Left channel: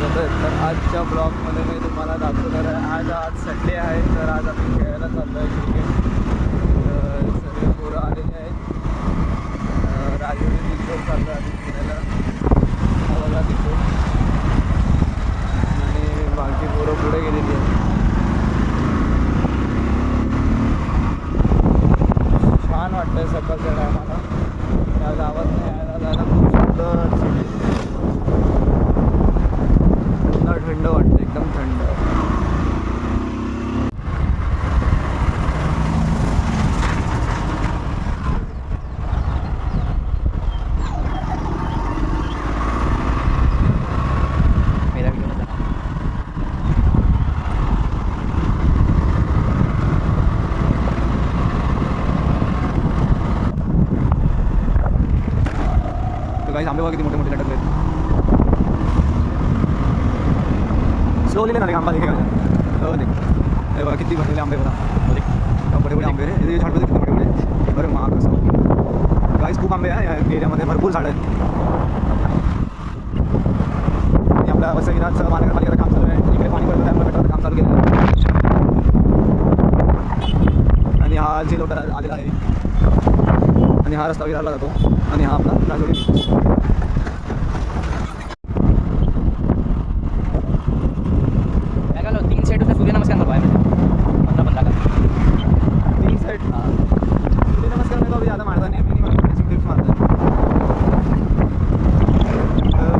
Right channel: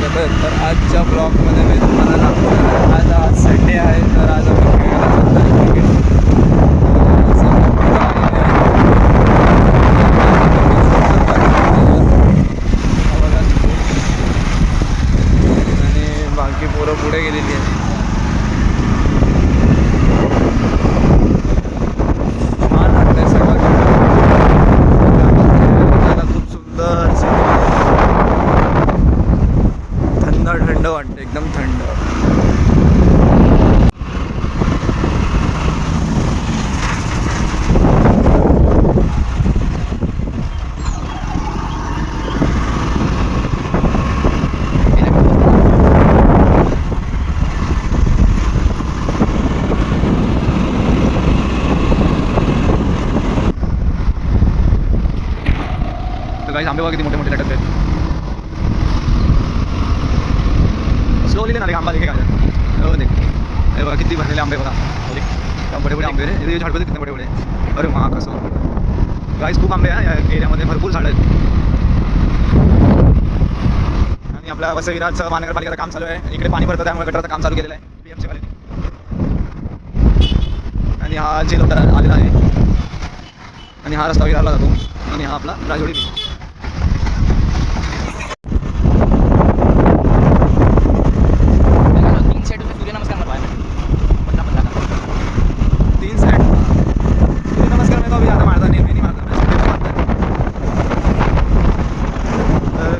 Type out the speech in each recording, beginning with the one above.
स्वागत आहे. तर आजच्या ब्लॉगमध्ये मी तुम्हाला दाखवणार आहे आज संडे आहे, तर आज आम्ही खेळायला जात आहे क्रिकेट. सगळे पोरं आलेले आहेत आणि बाकी पोरं पुढे गेलेली आहेत. छान वाटतंय सकाळच्या गावात जायला, खूप सुंदर थंड वाटतं, एकदम थंड. तर काही आंबे बघा किती मोठे मोठे लटकले आहेत. स्लोली ना आंबा देखे हो देख, अरे बघा किती भरलेले आंबे बघा, बडे बडे आंबे रे, झाड किती बडे बडे. अरे मा कसं गाईस, खूप आंबे आहे या एरियामध्ये, भरपूर झाडं आहेत. आणि आपल्या वसईराजचं महानगरपालिकेचं काम चालू आहे. इकडे पाणी भरतं, त्यामुळे गटराचं काम चालू केलेलं आहे. आणि हा झेल आलेला आहे आणि हा रस्ता विरारला जातो आणि हा आपला राजवाडी बीच.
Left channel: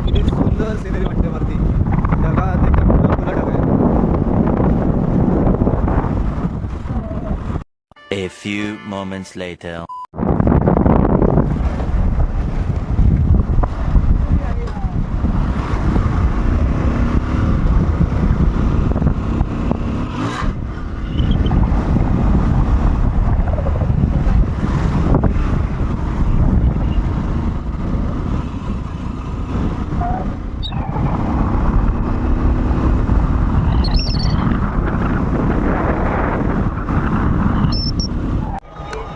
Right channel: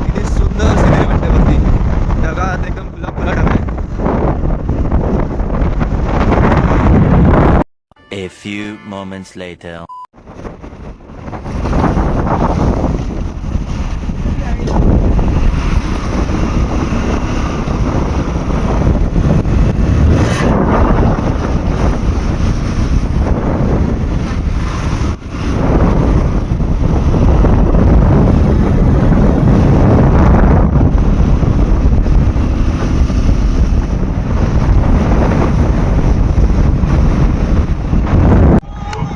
किती सुंदर सिनेरी वाटते वरती, ढगात एकदम खुला खुला ढग आहे. A few moments later.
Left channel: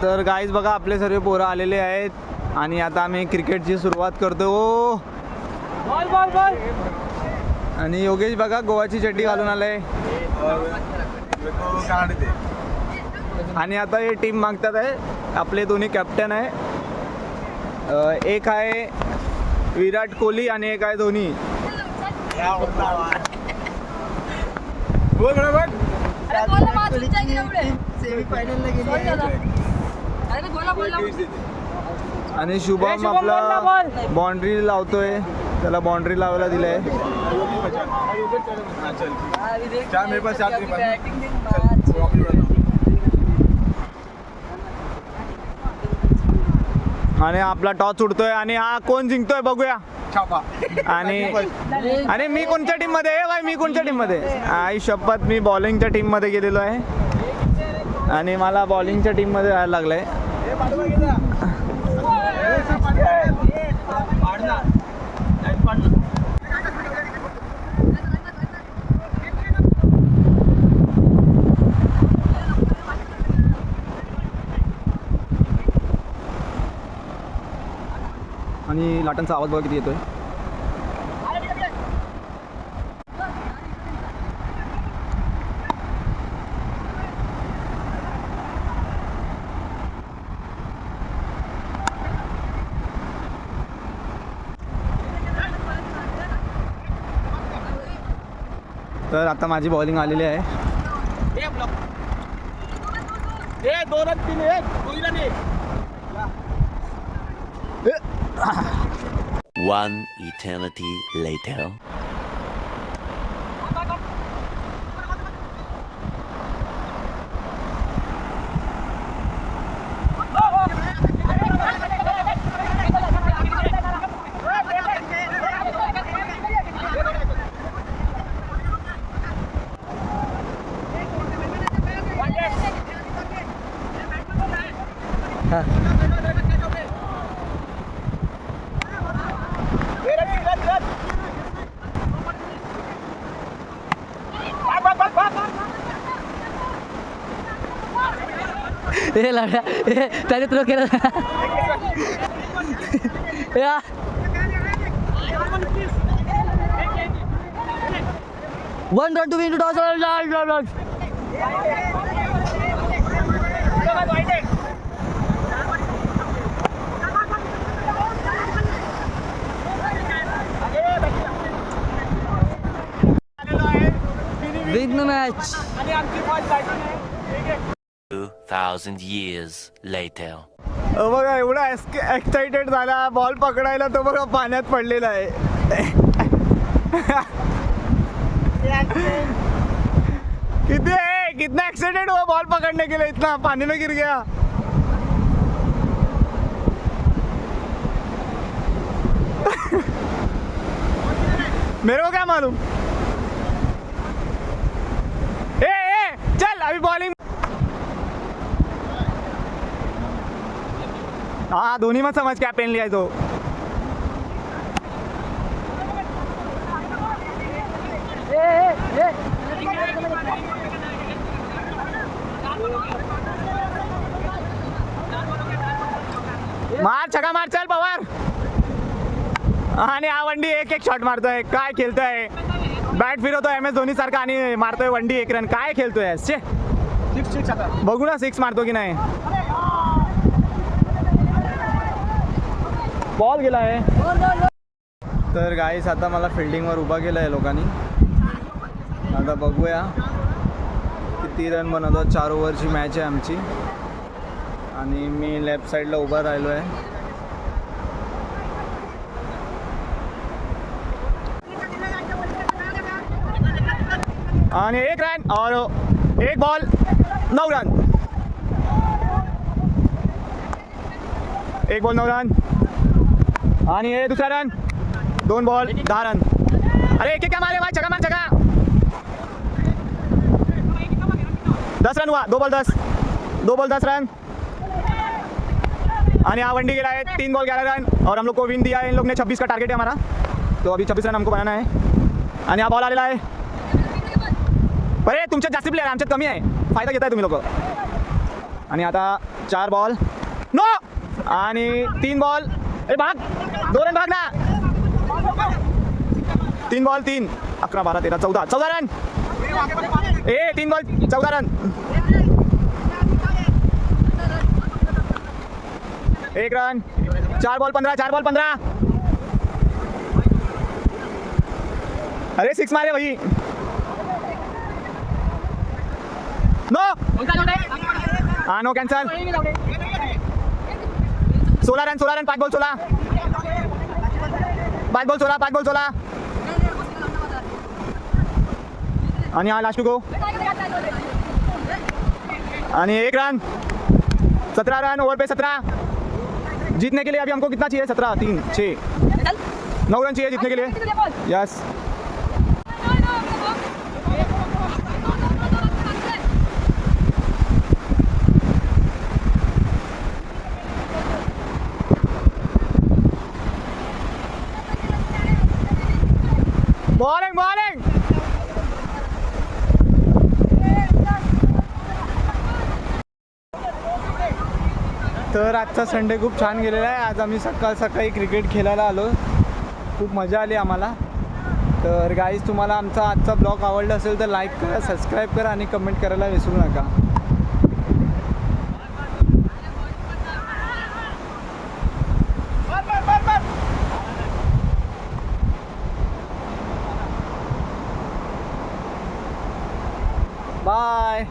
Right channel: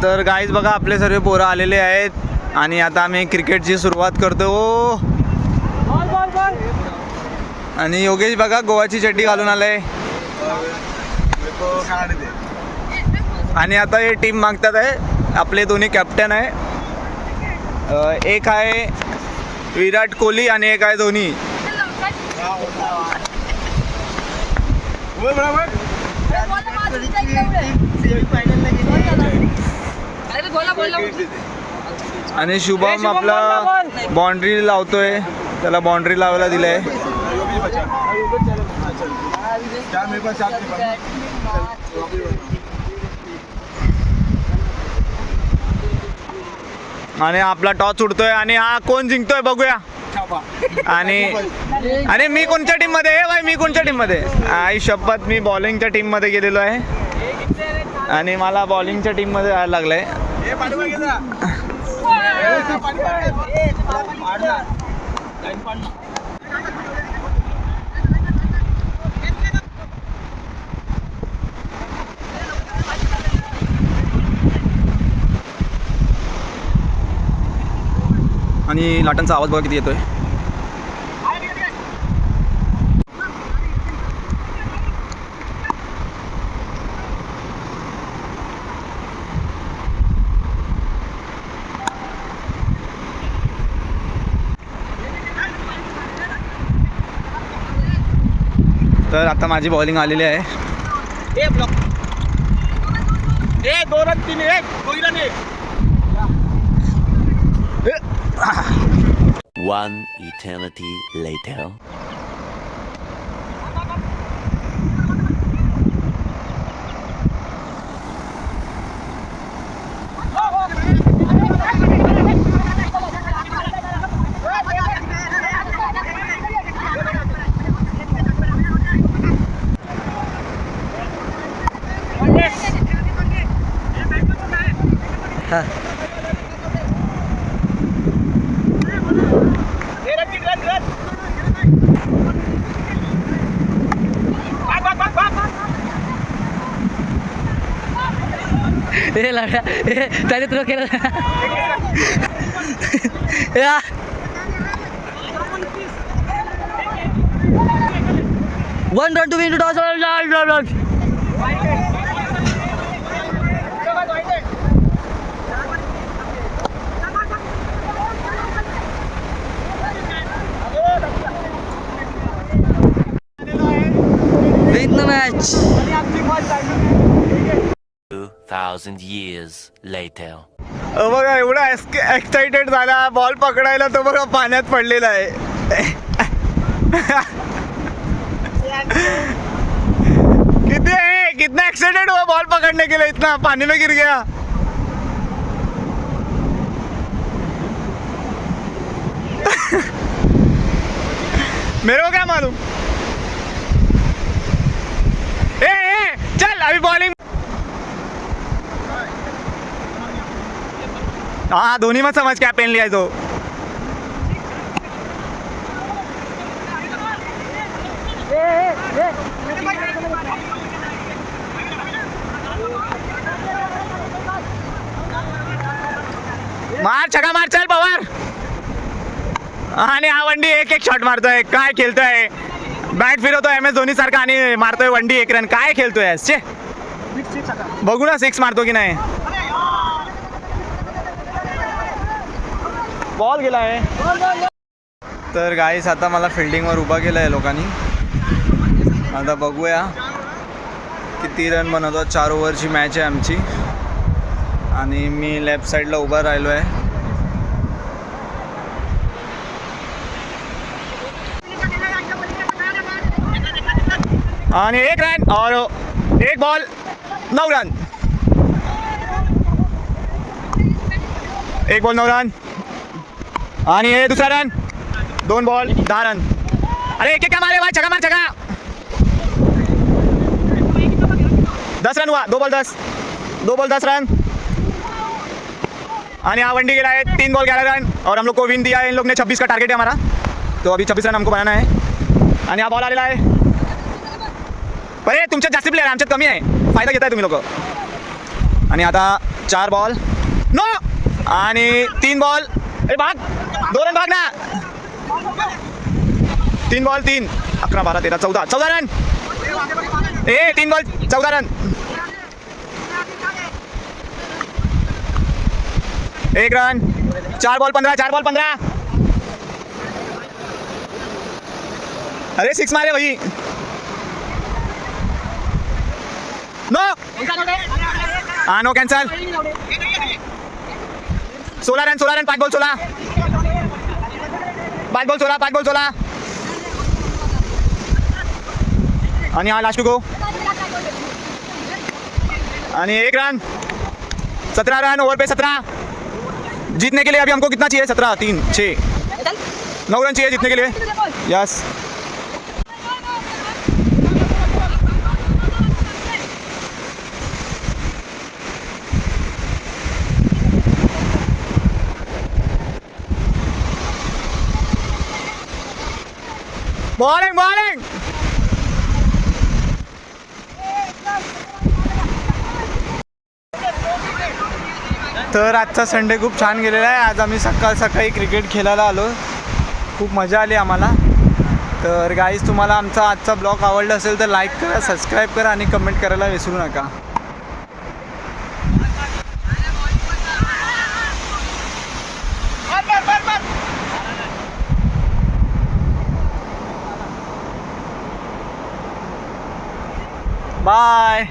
तर गाईज बघा, आपले सर्व पोरं आलेले आहेत आणि आता आम्ही क्रिकेटची सुरुवात करतो. आणि योगेश बघा गोवाची चड्डी घालून आलाय आणि आता हे टीम मागतात आहे. आपले दोन्ही कॅप्टन आहे, एक आहे विराट कोहली आणि एक आहे धोनी. आणि शुभम आपला बाउंड्री लावतोय, त्याला बाउंड्री लावायला दिलंय. आणि आपला टॉस उडतोय आणि हा कोण जिंकतोय बघूया. आणि मी कोणत्या टीम मध्ये आहे भाई, मी कोणत्या टीम मध्ये? आई शपथ, मी बॉलिंगच्या टीम मध्ये गेलेलो आहे आणि मला बॉलिंगच्या टीम मध्ये जायला लागलंय. आणि लाटांचा आवाज बघा किती येतोय. तर आता माझी बॉलिंग आलेली आहे. One eternity later. ए लगा त्याने तुला केलं या 1 run to win to toss. Win the match. 2,000 years later. बघा एवढा एक्साइटेड झाला बॉल पकडायला तो बघा पाण्यात पडलेला आहे. किती आहे कितना एक्साइटेड हुआ बॉल पकड़ने के लिए इतना पानी में गिर गया. मेरे को क्या मालूम. चल अभी बॉलिंग. हाँ धोनी मत समझ क्या पेन लिया है तो. मार छक्का मार चल पवार. आणि हा वंडी एक एक शॉट मारतोय. काय खेळतोय. बॅट फिरवतोय MS धोनी सारखा आणि मारतोय वंडी 1 रन. काय खेळतोय छे. बघू ना 6 मारतो की नाही. बॉल गेला आहे. तर गाईस आता मला फिल्डिंगवर उभा केलं आहे लोकांनी. आता बघूया किती रन बनवतो. 4 ओव्हरची मॅच आहे आमची आणि मी लेफ्ट साईडला उभा राहिलो आहे. आणि 1 रन और 1 बॉल 9 रन. 1 बॉल 9 रन आणि हे दुसरा रन. 2 ball 10 run. अरे एक क्या मारे भाई. छक्का मार छक्का. 10 रन हुआ. 2 बॉल 10 रन. आणि हा वंडी गेला है 3 बॉल 11 रन और हम लोग को विन दिया है. इन लोग ने 26 का टारगेट है हमारा. तो अभी 26 रन हमको बनाना है. आणि हा बॉल आलेला आहे. अरे तुमच्यात जास्त प्लेयर आमच्यात कमी आहे. फायदा घेताय तुम्ही लोक. आणि आता 4 बॉल नो आणि 3 बॉल. ए भाग 2 रन भाग ना. 3 ball 3 11 12 13 14 run. 3 ball 14 run. 1 run. 4 ball 15. अरे 6 मारे भाई. नो हाँ no cancel. 16 run 5 ball 16. 5 ball 16. आणि हा लास्ट टू गो. आणि 1 रन. 17 रन ओवर पे 17. जीतने के लिए अभी हमको कितना चाहिए. 17 3 6 9 रन चाहिए जीतने के लिए. यस. बॉलिंग. तर आजचा संडे खूप छान गेलेला आहे. आज आम्ही सकाळी क्रिकेट खेळायला आलो. खूप मजा आली आम्हाला. तर गाईज तुम्हाला आमचा आजचा ब्लॉग आवडला असेल तर लाईक करा, सबस्क्राईब करा आणि कमेंट करायला विसरू नका. बाय.